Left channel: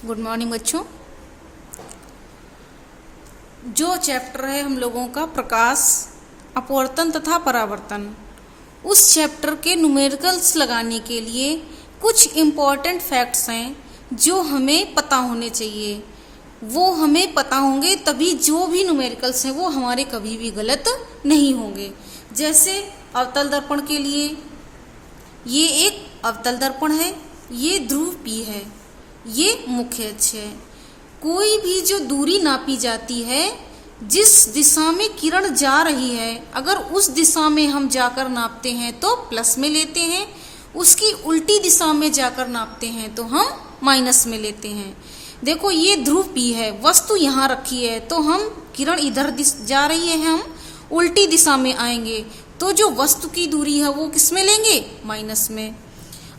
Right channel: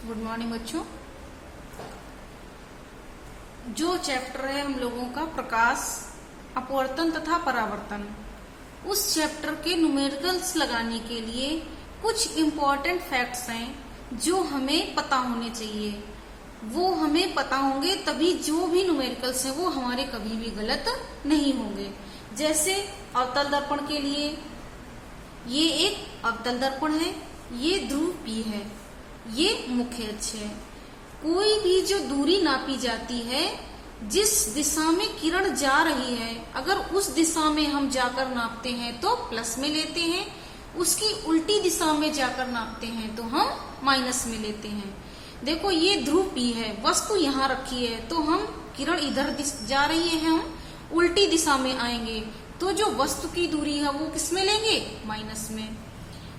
Good morning बच्चों। जो chapter है हम लोगों का प्रकाश, अपवर्तन तथा परावर्तन, उस चैप्टर के न्यूमेरिकल्स लगाने के लिए कुछ इम्पॉर्टेंट फैक्ट्स हैं जो हमें पता होने चाहिए। वो हमें पता होंगे तभी जो भी न्यूमेरिकल्स हैं वो हमारे कभी भी गलत नहीं होंगे। जैसे अवतल दर्पण के लिए ये एक अवतल दर्पण है, ये ध्रुव P है, ये मुख्य अक्ष है। कोई भी जो दूरी नापी जाती है, जिस दिशा में किरण जा रही है, अगर उस दिशा में हम जाकर नापते हैं तो प्लस में लेते हैं, उसकी उल्टी दिशा में जाकर नापते हैं तो हम माइनस में लेते हैं। देखो ये ध्रुव P है, वस्तु यहाँ रखी है तो हम किरण इधर जा रही है, हम उल्टी दिशा में आएंगे तो जो वस्तु की दूरी है वो किस में लेंगे? माइनस में।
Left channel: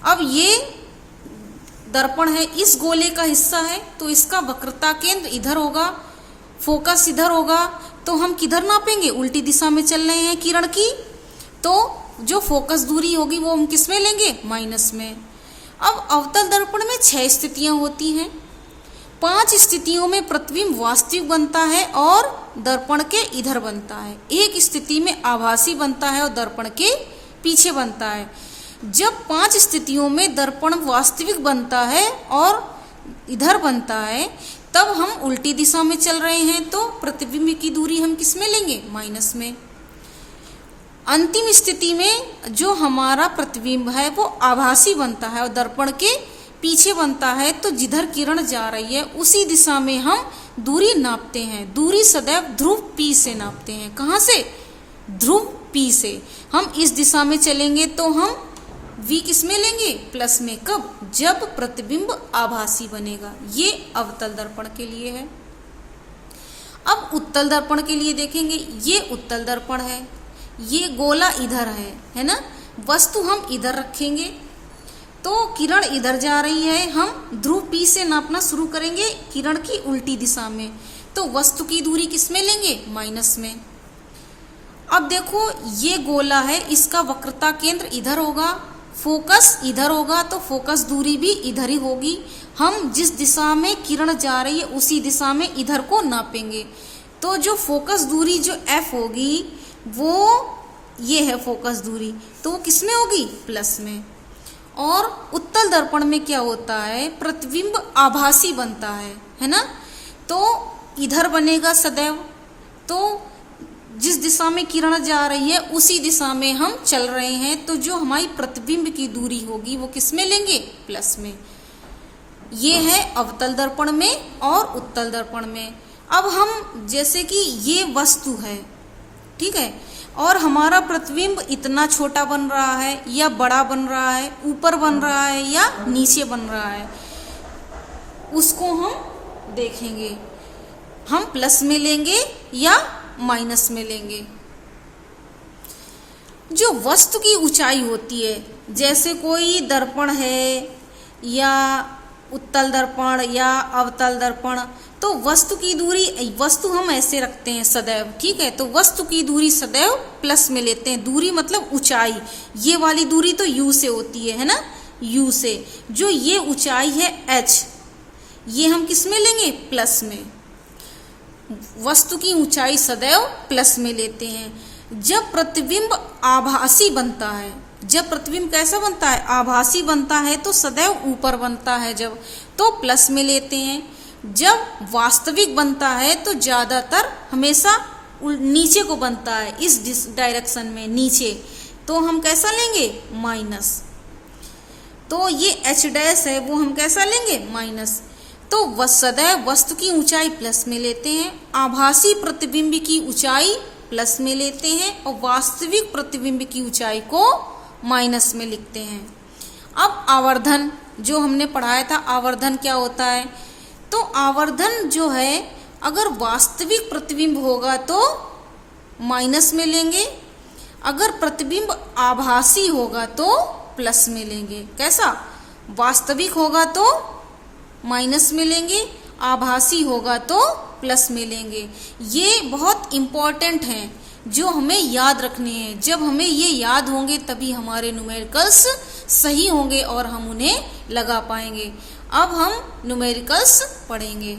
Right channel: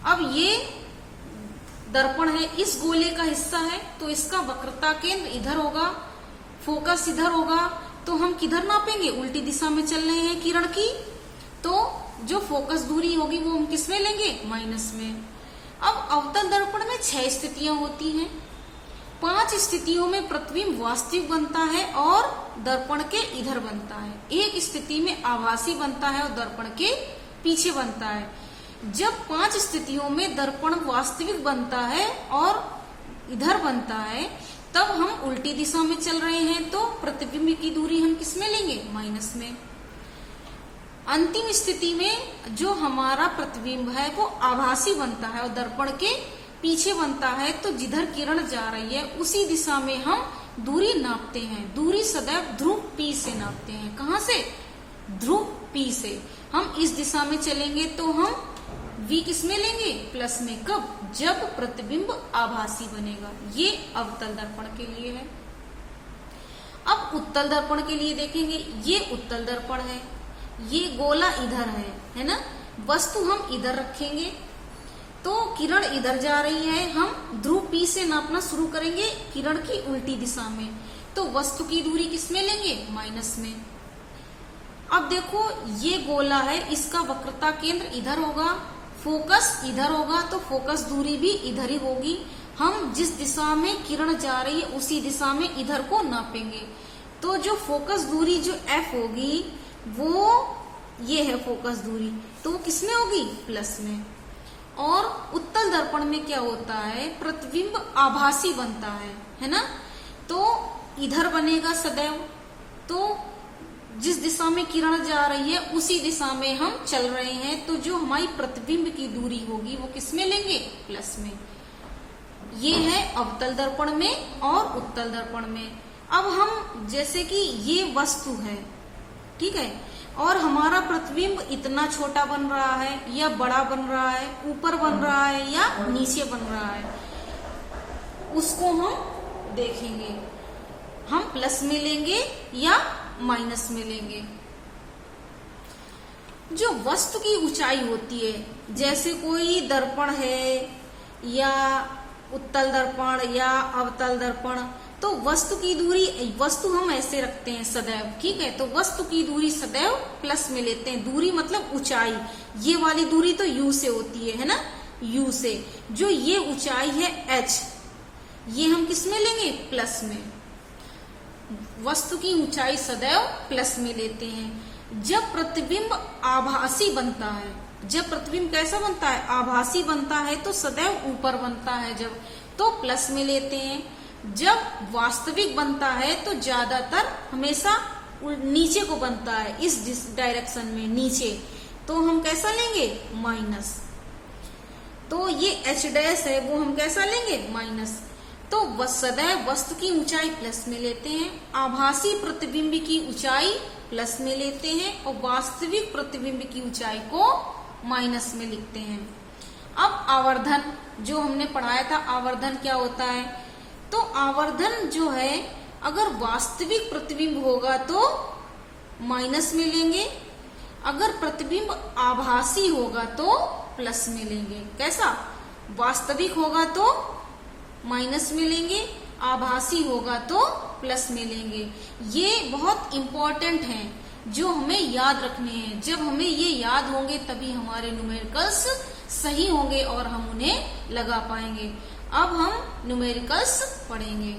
अब ये दर्पण है, इस गोले का हिस्सा है तो इसका वक्रता केंद्र इधर होगा, फोकस इधर होगा, तो हम किधर नापेंगे? उल्टी दिशा में चल रहे हैं किरण की, तो जो फोकस दूरी होगी वो हम किस में लेंगे? माइनस में। अब अवतल दर्पण में 6 स्थितियां होती हैं। 5 स्थितियों में प्रतिबिंब वास्तविक बनता है और दर्पण के इधर बनता है। एक स्थिति में आभासी बनता है और दर्पण के पीछे बनता है। जब 5 स्थितियों में दर्पण वास्तविक बनता है और इधर बनता है, तब हम उल्टी दिशा में चल रहे हैं तो प्रतिबिंब की दूरी हम किस में लेंगे? माइनस में। अंतिम स्थिति में जो हमारा प्रतिबिंब है वो आभासी बनता है और दर्पण के पीछे बनता है, तो जिधर किरण जा रही है उसी दिशा में हम दूरी नापते हैं। दूरी सदैव ध्रुव P से नापते हैं। कहाँ से? ध्रुव P से। हम इस दिशा में चलेंगे तो हम V किस में लेंगे? प्लस में। कब? जब प्रतिबिंब आभासी बनेगा। ये अवतल दर्पण के लिए है। अब उत्तल दर्पण के लिए देखेंगे। ये उत्तल दर्पण है, ये गोला इधर है ना। वस्तु हम इधर रखेंगे तो किरण इधर जा रही है, हम ध्रुव P से नापना शुरू करेंगे किरण की उल्टी दिशा में, तो वस्तु की दूरी किस में लेंगे? माइनस में। अब देखो ये गोला है, इसका वक्रता केंद्र इधर होगा, फोकस इधर होगा, तो फोकस दूरी भी इधर ही होगी। हम जिस दिशा में किरण जा रही है उसी दिशा में इधर को नापेंगे, तो जो फोकस दूरी जो F होगी वो ये है फोकस दूरी, तो वो किस में होगी? प्लस में। और उत्तल दर्पण में क्या होता है? प्रतिबिंब आभासी बनता है ना, तो इधर बनेगा सदैव, तो जिस दिशा में किरण जा रही है उसी दिशा में हम चल रहे हैं, तो जो हमारी प्रतिबिंब की दूरी होगी वो किस में लेंगे? प्लस में। ये है अवतल दर्पण में और उत्तल दर्पण में। अब हम जैसे कि ये वस्तु है, ठीक है, और हमारा प्रतिबिंब इतना छोटा बन रहा है या बड़ा बन रहा है, ऊपर बन रहा है या नीचे बन रहा है, उसको हम देखेंगे। हम प्लस में लेंगे या माइनस में लेंगे। जो वस्तु की ऊंचाई होती है, जैसे कोई दर्पण है या उत्तल दर्पण या अवतल दर्पण, तो वस्तु की दूरी, वस्तु हम ऐसे रखते हैं सदैव, ठीक है, तो वस्तु की दूरी सदैव प्लस में लेते हैं। दूरी मतलब ऊंचाई, ये वाली दूरी तो U से होती है ना, U से। जो ये ऊंचाई है H, ये हम किस में लेंगे? प्लस में। वस्तु की ऊंचाई सदैव प्लस में लेते हैं। जब प्रतिबिंब आभासी बनता है, जब प्रतिबिंब कैसा बनता है? आभासी बनता है, तो सदैव ऊपर बनता है जब, तो प्लस में लेते हैं। जब वास्तविक बनता है तो ज्यादातर हमेशा नीचे को बनता है, इस डायरेक्शन में नीचे, तो हम कैसा लेंगे? माइनस। तो ये H डैश है वो हम कैसा लेंगे? माइनस। तो सदैव वस्तु की ऊंचाई प्लस में लेते हैं, आभासी प्रतिबिंब की ऊंचाई प्लस में लेते हैं और वास्तविक प्रतिबिंब की ऊंचाई को माइनस में लिखते हैं। अब आवर्धन जो हमने पढ़ाया था, आवर्धन क्या होता है? तो आवर्धन जो है, अगर वास्तविक प्रतिबिंब होगा तो माइनस में लेंगे, अगर प्रतिबिंब आभासी होगा तो प्लस में लेंगे। कैसा? वास्तविक होगा तो माइनस में लेंगे, आभासी होगा तो प्लस में लेंगे। ये बहुत इम्पोर्टेंट हैं जो हमें याद रखने हैं। जब हमें ये याद होंगे तभी हमारे न्यूमेरिकल्स सही होंगे और हम उन्हें लगा पाएंगे। अब हम न्यूमेरिकल्स पढ़ेंगे।